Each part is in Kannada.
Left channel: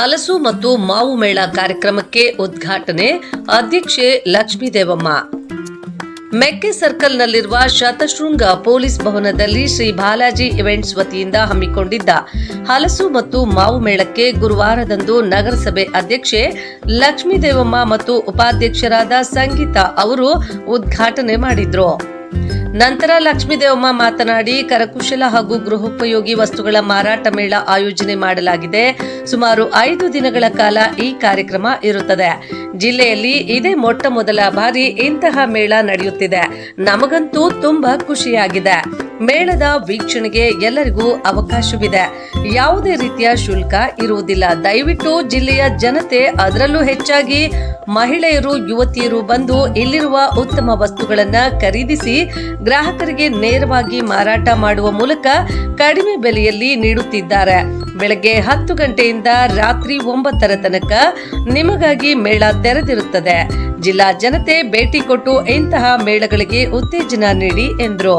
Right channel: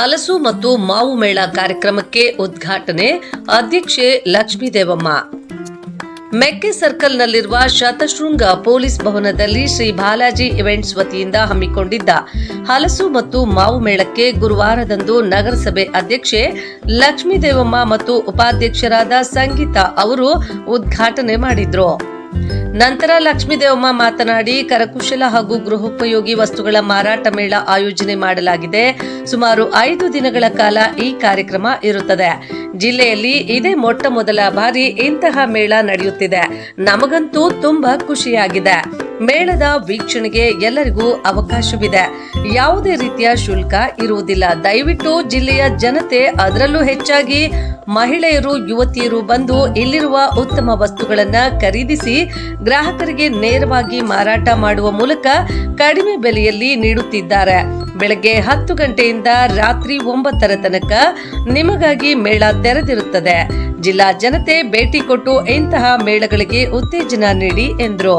ಹಲಸು ಮತ್ತು ಮಾವು ಮೇಳ ಕಾರ್ಯಕ್ರಮಕ್ಕೆ ಉದ್ಘಾಟನೆ. ಅಧ್ಯಕ್ಷೆ ಲಕ್ಷ್ಮೀ ದೇವಮ್ಮ ಮೆಕ್ಕೆ ಸರ್ಕಲ್ನಲ್ಲಿರುವ ಶತಶೃಂಗ ಪೊಲೀಸ್ ಭವನದಲ್ಲಿ ಶ್ರೀ ಬಾಲಾಜಿ ಇವೆಂಟ್ಸ್ ವತಿಯಿಂದ ಹಮ್ಮಿಕೊಂಡಿದ್ದ ಹಲಸು ಮತ್ತು ಮಾವು ಮೇಳಕ್ಕೆ ಗುರುವಾರದಂದು ನಗರಸಭೆ ಅಧ್ಯಕ್ಷೆ ಲಕ್ಷ್ಮೀ ದೇವಮ್ಮ ಮತ್ತು ಉಪಾಧ್ಯಕ್ಷರಾದ ಸಂಗೀತಾ ಅವರು ಉದ್ಘಾಟನೆ ಮಾಡಿದ್ರು. ನಂತರ ಲಕ್ಷ್ಮೀದೇವಮ್ಮ ಮಾತನಾಡಿ, ಕರಕುಶಲ ಹಾಗೂ ಗೃಹೋಪಯೋಗಿ ವಸ್ತುಗಳ ಮಾರಾಟ ಮೇಳ ಆಯೋಜನೆ ಮಾಡಲಾಗಿದೆ. ಸುಮಾರು ಐದು ದಿನಗಳ ಕಾಲ ಈ ಕಾರ್ಯಕ್ರಮ ಇರುತ್ತದೆ. ಜಿಲ್ಲೆಯಲ್ಲಿ ಇದೇ ಮೊಟ್ಟ ಮೊದಲ ಬಾರಿ ಇಂತಹ ಮೇಳ ನಡೆಯುತ್ತಿದೆ. ನಮಗಂತೂ ತುಂಬಾ ಖುಷಿಯಾಗಿದೆ. ಮೇಳದ ವೀಕ್ಷಣೆಗೆ ಎಲ್ಲರಿಗೂ ಅವಕಾಶವಿದೆ. ಯಾವುದೇ ರೀತಿಯ ಶುಲ್ಕ ಇರುವುದಿಲ್ಲ. ದಯವಿಟ್ಟು ಜಿಲ್ಲೆಯ ಜನತೆ ಅದರಲ್ಲೂ ಹೆಚ್ಚಾಗಿ ಮಹಿಳೆಯರು, ಯುವತಿಯರು ಬಂದು ಇಲ್ಲಿರುವ ಉತ್ತಮ ವಸ್ತುಗಳನ್ನು ಖರೀದಿಸಿ ಗ್ರಾಹಕರಿಗೆ ನೇರವಾಗಿ ಮಾರಾಟ ಮಾಡುವ ಮೂಲಕ ಕಡಿಮೆ ಬೆಲೆಯಲ್ಲಿ ನೀಡುತ್ತಿದ್ದಾರೆ. ಬೆಳಗ್ಗೆ ಹತ್ತು ಗಂಟೆಯಿಂದ ರಾತ್ರಿ ಒಂಬತ್ತರ ತನಕ ನಿಮಗಾಗಿ ಮೇಳ ತೆರೆದಿರುತ್ತದೆ. ಜಿಲ್ಲಾ ಜನತೆ ಭೇಟಿ ಕೊಟ್ಟು ಇಂತಹ ಮೇಳಗಳಿಗೆ ಉತ್ತೇಜನ ನೀಡಿ ಎಂದರು.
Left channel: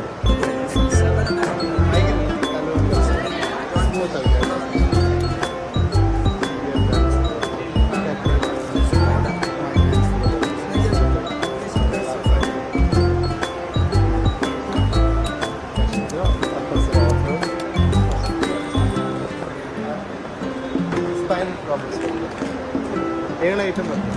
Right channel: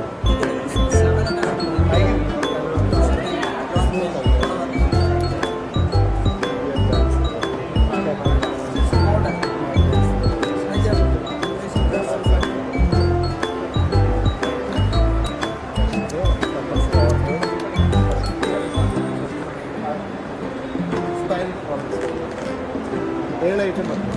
ഏഴ് ഐറ്റം പറഞ്ഞു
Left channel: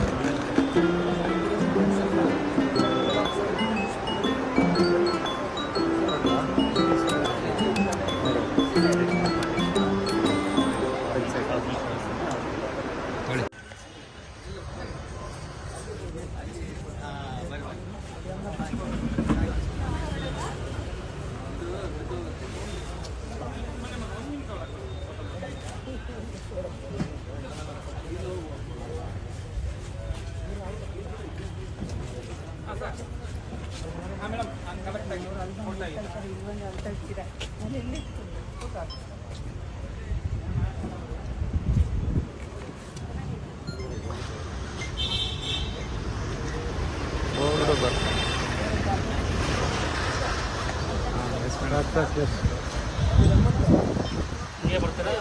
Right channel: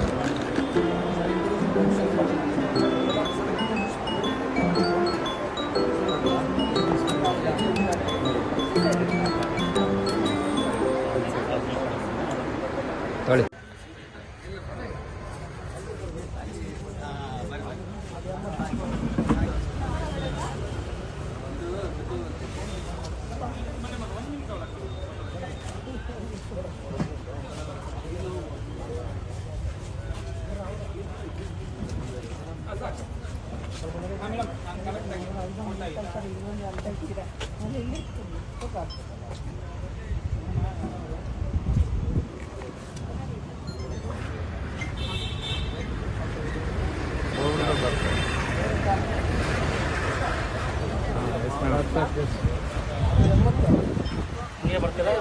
ಏಳು ಐಟಮ್ ಬರ್ತದೆ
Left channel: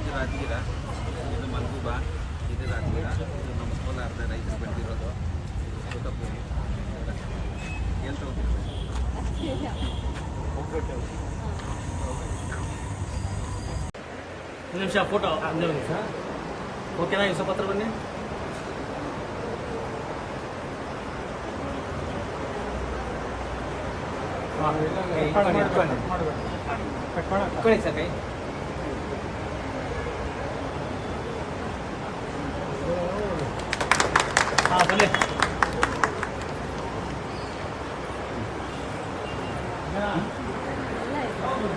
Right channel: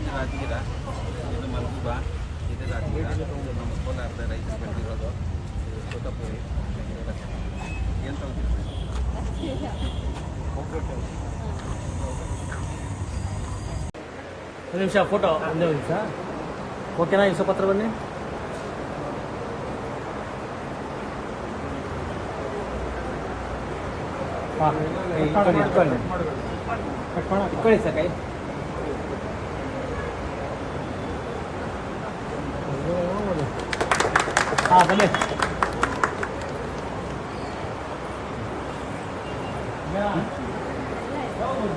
ಇದು ರಾಜಗಿರ ಇದು ಮಲ್ಗುಬ ಇದು ರಾಜಗಿರ ಇದು ನಮ್ಮ ಕೋಲಾರದ ರೈತರು ಬೆಳೆದಿರೋದು ಇದು ತೋಟಪುರಿ ಏನು ತಗೋತೀರಿ ಒಂದು ನಿಮಿಷ ಫೋಟೋ ಒಂದೇ ಒಂದು ನಿಮಿಷ. ಓಕೆನಾ ಇಲ್ಲಿ ಪತ್ರ ಬನ್ನಿ. ಇಟ್ಕೊಳ್ಳಿ ಸರ್ ಕೈ. Oh,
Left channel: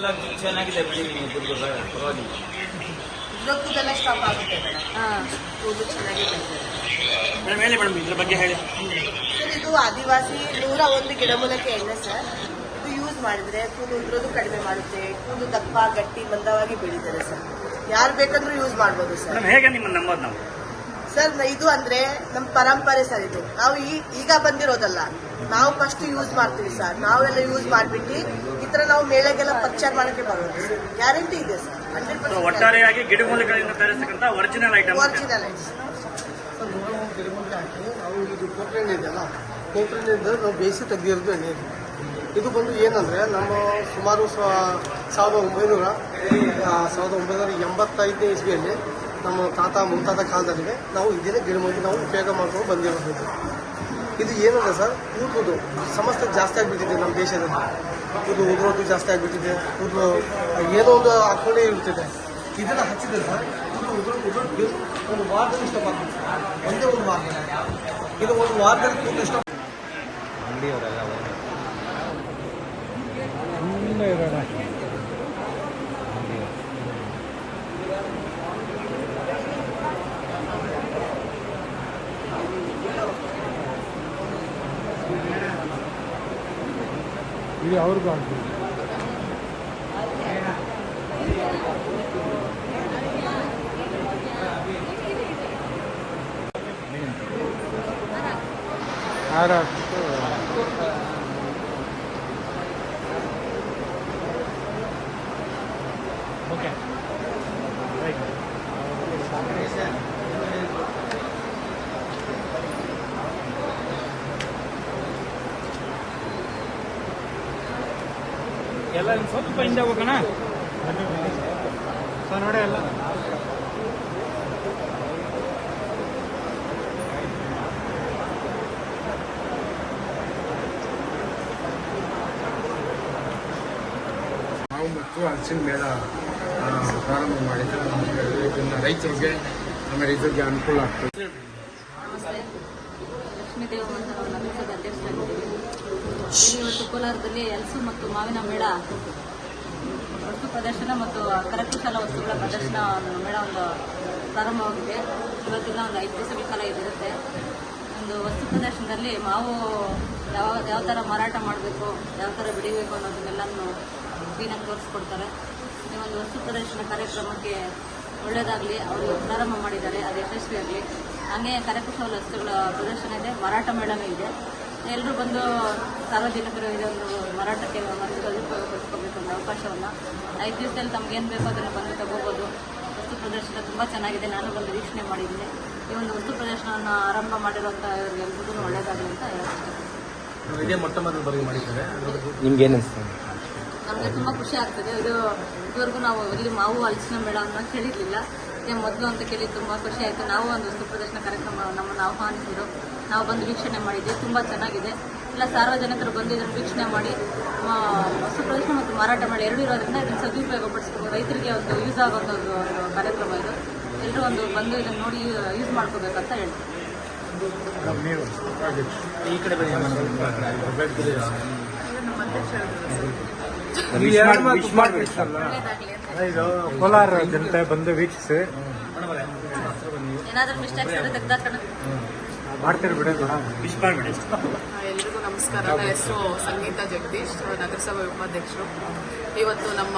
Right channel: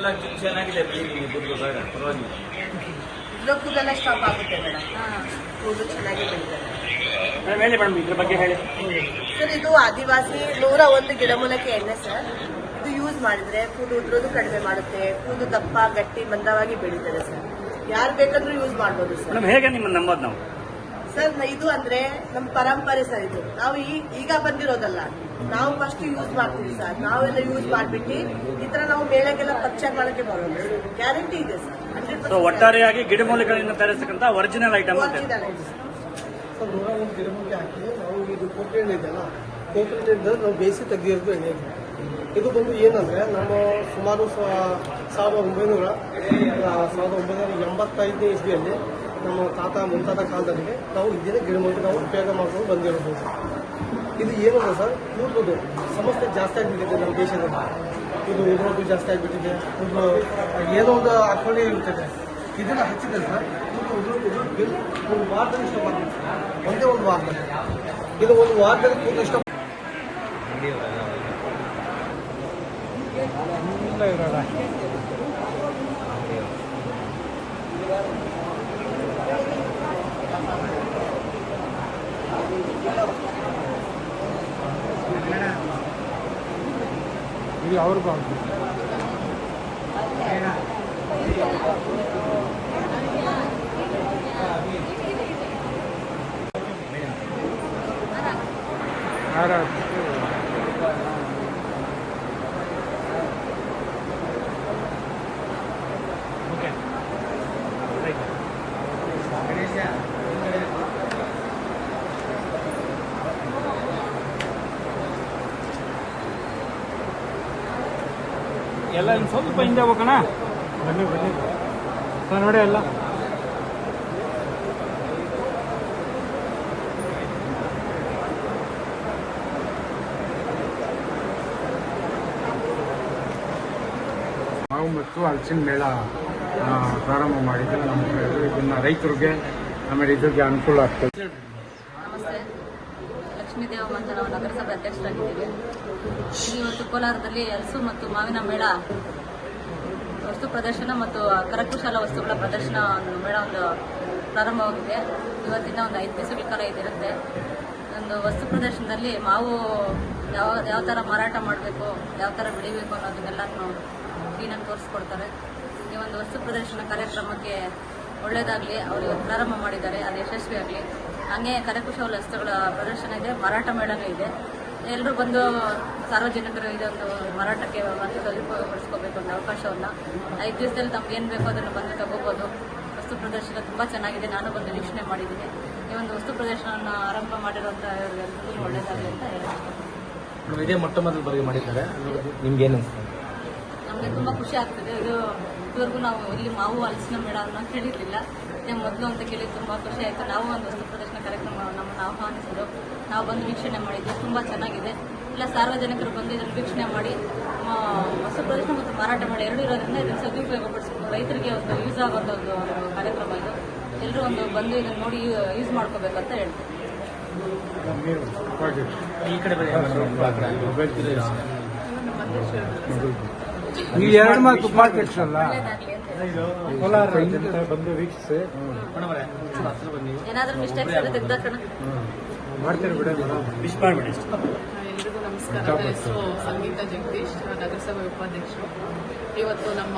ಇದೆಲ್ಲ ಚೆನ್ನಾಗಿದೆ ಪರವಾಗಿಲ್ಲ. ಸ್ಟಾಪ್ ಆಗುತ್ತೆ ಮೇಡಮ್. ಹೇಳಿ ಮೇಡಮ್ ಇದ್ರ ಬಗ್ಗೆ ಹೇಳಿ. ಸರ್ ಇದು ಆದಿವಾಸಿ ನೂರ ಒಂದು ಗಿಡಮೂಲಕ್ಕೆ ಎಣ್ಣೆ ಸರ್. ಇದು ಯೂಸ್ ಮಾಡಿದ್ರೆ ಕೂದಲು ಉದುರೋದು ಕಡಿಮೆ ಮಾಡುತ್ತೆ ಕೂದಲು ದಪ್ಪ ಗಟ್ಟಿ ಮಂದವಾಗಿ ಬೆಳೀತದೆ ಸರ್. ಯಾರು ಬೇಕಾದರೂ ಯೂಸ್ ಮಾಡ್ಬೋದು ಸರ್. ಮೇಡಮ್ ಹೇಗೆ ನಿಮ್ಮ ನಂಬೋದು ನಾವು? ಸರ್ ಇದು ಅಂದ್ರೆ ನಮ್ಮ ಪರಂಪರೆ ಸರ್ ಇದು. ನಾವು ಈ- ಈಗ ಬಂದಿರೋದಲ್ಲ. ನಾವು ಫಸ್ಟ್ ಯೂಸ್ ಮಾಡ್ತೀವಿ ಸರ್. ನಾವೆಲ್ಲ ಯೂಸ್ ಮಾಡ್ಬಿಟ್ಟು ಈ ತರ ನಾವು ಮೇಳಕ್ಕೆಲ್ಲ ಪರ್ಚೇಸ್ ಮಾಡಕ್ಕೆ ಬರೋದು ಗ್ಯಾರಂಟಿ ಇದೆ ಸರ್. ಹಂಡ್ರೆಡ್ ಒಟ್ಟಾರೆಯಾಗಿ ಗಿಡಮೂಲಿಕೆಗಳಿಂದ ತಯಾರಿಸ್ತಕ್ಕಂಥ ಒರಿಜಿನಲ್ ಐಟಮ್ ಒರಿಜಿನಲ್ ಸರ್ ನೂರ ಒಂದು ಗಿಡಮೂಲಿಕೆ ಹಾಕಿ ನಾವು ಇದು ಕೊಬ್ಬರಿ ಎಣ್ಣೆ ಇದೆಯಲ್ಲ ಕೊಬ್ಬರಿ ನಾವು ಬೇಯಿಸಿ ತೆಗೆದಿರೋದು ಎಣ್ಣೆ ಇದು. ಇದು ಬಂದು ಏನಂದರೆ ನಮ್ಮ ಸುಮಾರು ಸಾವಿರದ ಒಂಬೈನೂರ ಸಾವಿರದ ಒಂಬೈನೂರ ಎಂಬತ್ತೈದನೇ ಇಸ್ವಿಯಲ್ಲಿ ನಮ್ಮ ತಾತ ಮುಂತಾದ ಕಾಲದಲ್ಲಿ ನಾವು ಇದೇ ಗಿಡಮೂಲಿಕೆ ನಾವು ಉಪಯೋಗ ಮಾಡ್ಕೊಂಡು ಬಂದಿರೋದು. ಇದು. ಏನಂದ್ರೆ ಸರ್ ಕೂದಲು ಸಮಸ್ಯೆ ಜಾಸ್ತಿ ಆಗಿಬಿಟ್ಟಿದೆ ನಮ್ಮ ದೇಶದಲ್ಲಿ. ಇದು ಉದುರೋದು ಜಾಸ್ತಿ ಆಗಿಬಿಟ್ಟಿದೆ. ಕೂದಲು ಏನೋ ಒಂದು ಹಾಕೊಂಡೇ ಇರ್ತದೆ. ಇದನ್ನು ಹಚ್ಚಿದ್ರೆ ಸರ್ ಒಂದು ಒಂದೇ ಒಂದು ವಾರ. ಇದು ಒಂದು ವಾರದಲ್ಲಿ ಕೂದಲು ಇಷ್ಟ ಇದು ಅವ್ರಿಗೂ ಎಲ್ಲ ಸ್ವಲ್ಪ ಹಿಂದೆ ಹೋಗೋಣ. ನೋಡಿ ಎಲ್ಲ ಮಾವು ಮತ್ತು ಹಲಸಿನ ಮೇಳ ಪ್ರಾರಂಭ ಮಾಡಿದ್ರೆ ಇದನ್ನ ರೈತರಿಗೆ ಆಮೇಲೆ ಇದಕ್ಕೆ ಅನುಕೂಲ ಆಗ್ತದೆ. ಲಕ್ಷ್ಮೀ ದೇವ ಅಂತ ನಾವು ನಗರಸಭೆ ಅಧ್ಯಕ್ಷರಾಗಿದ್ದೀವಿ ಇವತ್ತು ಕೋಲಾರದಲ್ಲಿ ಹಲಸು ಮತ್ತು ಮಾವಿನ ಮೇಳ, ವಸ್ತು ಪ್ರದರ್ಶನ ಮತ್ತು ಕರಕುಶಲ ವಸ್ತುಗಳ ಪ್ರದರ್ಶನ ಮೇಳ ಒಂದು ಪ್ರಾರಂಭವಾಗಿದೆ. ಇವತ್ತಿನ ಒಂದು ಐದು ದಿವಸಗಳ ಕಾಲ ಇದಿರುತ್ತೆ. ಒಂದು ವಸ್ತು ಪ್ರದರ್ಶನದಲ್ಲಿ ಮಾವು ಯಾವ ಯಾವ ಥರ ಮಾರಾಟ ಮಾಡಬೇಕು, ಯಾವ ಥರ ಬೆಳಿಬೇಕು ಅನ್ನೋದನ್ನೆಲ್ಲನೂ ಕ್ಲೀನಾಗಿ ತೋರಿಸ್ಕೊಡ್ತಾರೆ. ಈ ಒಂದು ವಸ್ತು ಪ್ರದರ್ಶನ ಕಾರ್ಯಕ್ರಮಕ್ಕೆ ಒಳ್ಳೆಯದಾಗಲಿ ಅವರು ಪ್ರಾರಂಭ ಮಾಡಿದ್ದಾರೆ. ಅದು ಯಶಸ್ವಿಯಾಗಲಿ. ಹಾಗೆ ಕರಕುಶಲ ವಸ್ತುಗಳ ಪ್ರದರ್ಶನ ಇದೆ ಮಾರಾಟ ಮೇಳನೂ ಇದೆ. ಎಲ್ಲರೂ ಬಂದು ಸಾರ್ವಜನಿಕರು ಇದೊಂದು ಮಾರಾಟಕ್ಕೆ ಸದುಪಯೋಗಪಡಿಸ್ಕೋಬೇಕು ಒಂದು ಅವಕಾಶವನ್ನು. ಐದು ದಿವಸದಲ್ಲಿ ತಮಗೇನು ಬೇಕೋ ಅದನ್ನು ಬಂದು ತಗೋಬೋದು. ವಸ್ತು ಪ್ರದರ್ಶನ ತುಂಬ ಚೆನ್ನಾಗಿದೆ. ನಾನು ಬಂದು ವೀಕ್ಷಣೆ ಮಾಡಿದ್ದೀನಿ. ಈ ಒಂದು ವಸ್ತು ಪ್ರದರ್ಶನವನ್ನು ಆರಂಭ ಮಾಡಿರುವಂಥ ಎಲ್ಲರಿಗೂ ಒಳ್ಳೆಯದಾಗಲಿ ಅಂತ ಅನಿಸ್ತು ನಮಗೆ ತುಂಬ ಖುಷಿ ಆಗ್ತದೆ. ಇದು ಇದುವರೆಗೂ ನಾವು ಇಲ್ಲಿ ಮಾವು ಹಲಸಿನ ಮೇಳವನ್ನು ಕೇಳಿರಲಿಲ್ಲ ಇದೇ ಮೊದಲು ಅಂತ ಕೇಳಿ ತುಂಬ ಖುಷಿ ಆಯಿತು ನಾವು ಒಂದು ವಸ್ತು ಪ್ರದರ್ಶನ ಕಾರ್ಯಕ್ರಮ ನಮ್ಮನ್ನು ಆಹ್ವಾನಿಸಿದ್ರು ನಾವು ಬಂದು ವೀಕ್ಷಣೆ ಮಾಡಿದ್ವಿ ತುಂಬ ಚೆನ್ನಾಗಿದೆ ಇಲ್ಲ ಸಾರ್ವಜನಿಕರು ಬಂದು ಇದನ್ನು ವೀಕ್ಷಣೆ ಮಾಡಿ ಆ, ವಸ್ತು ಪ್ರದರ್ಶನ ಮತ್ತು ಮಾರಾಟ ಮಾಡಿ ಎರಡು ಇರೋದ್ರಿಂದ ಇದನ್ನು ಸದುಪಯೋಗ ಪಡಿಸ್ತೀವಿ ರೈತರಿಗೆ ಒಂದು ಯೂಸ್ ಆಗೋದು ಒಂದು ಒಂದು ಕಾರ್ಯಕ್ರಮ ಇದು ಎಲ್ಲರೂ ಒಂದು ಬಂದು ಇದನ್ನು ನೋಡಿ ಯೂಸ್ ಮಾಡ್ಕೋಬೇಕಂತ ಹೇಳ್ತೀನಿ ಒಳ್ಳೆಯದಾಗಲಿ ಇದು ಕೋಲಾರ ಜನತೆ ಬಂದು ವೀಕ್ಷಿಸಿ. ಏನಾದರೂ ಮಿಸ್ಟೇಕ್ಸ್ ಇದ್ರೆ ತೆಗ್ದಾಕಣ. ಮಾಡ್ತಾರೆ ಬಿಡಿ ಮಿಸ್ ಮಾಡಿಬಿಡಿ ಎಲ್ರಿಗೂ ನಮಸ್ಕಾರ. ನನ್ನ ಹೆಸರು ಸಂಗೀತ ಜಗದೀಶ್ ನಗರಸಭೆ ಉಪಾಧ್ಯಕ್ಷರು. ಇವತ್ತು ನಮ್ಮ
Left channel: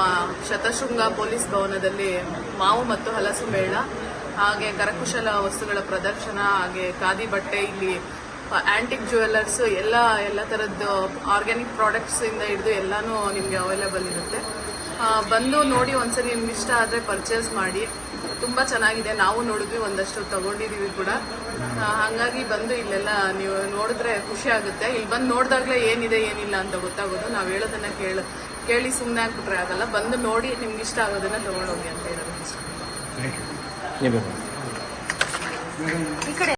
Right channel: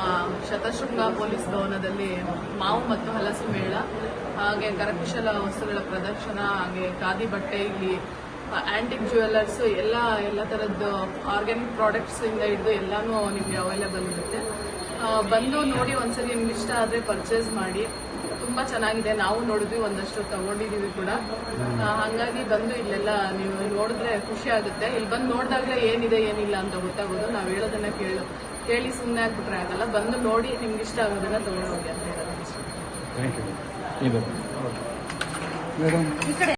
ಶತಶೃಂಗ ಪೊಲೀಸ್ ಭವನದಲ್ಲಿ ಮಾವು ಮತ್ತು ಹಲಸು ಮೇಳ ಹಾಗೆ ಕರಕುಶಲ ವಸ್ತುಗಳ ಪ್ರದರ್ಶನ ಹಾಗೆ ಖಾದಿ ಬಟ್ಟೆ ಇಲ್ಲಿ ಆಂಟಿಕ್ ಜ್ಯುವೆಲ್ಲರ್ಸ್ ಎಲ್ಲ ಎಲ್ಲ ಥರದ್ದು ಆರ್ಗ್ಯಾನಿಕ್ ಪ್ರಾಡಕ್ಟ್ಸ್ ಇಂದ ಹಿಡಿದು ಎಲ್ಲಾನು ನಿಮಗೆ ಅವೈಲೇಬಲ್ ಇರುತ್ತೆ. ಬಂದು ನೋಡಿ ಒಂದ್ಸಲ ನಿಮ್ಗೆ ಇಷ್ಟ ಆದರೆ ಪರ್ಚೇಸ್ ಮಾಡಿ. ತುಂಬ ಚೆನ್ನಾಗಿದೆ. ನಾವು ನೋಡಿದ್ವಿ ಒಂದಷ್ಟು ತಗೊಂಡಿದ್ದೀವಿ ಕೂಡ. ಹಂಗಾಗಿ ಹಾಗಾಗಿ ಬಂದು ಇಲ್ಲೆಲ್ಲ ನೀವು ನೋಡಿದ್ರೆ ಖುಷಿ ಆಗುತ್ತೆ. ಇಲ್ಲಿ ಬಂದು ನೋಡಿದಾಗ ಏನಿದೆ ಏನಿಲ್ಲ ಅಂತ ಗೊತ್ತಾಗೋದು. ನಾವು ಹೇಳೋದನ್ನ ಕೇಳ ಕೇಳಿ ಸುಮ್ಮನೆ ಆಗ್ಬಿಟ್ರೆ ಆಗಲ್ಲ. ಬಂದು ನೋಡಿ ನಿಮ್ಗೆ ಇಷ್ಟ ಆಗೋದನ್ನ ತಗೊಂಡೋಗಿ ಅಂತ ಹೇಳೋದು. ಈ ಕಡೆ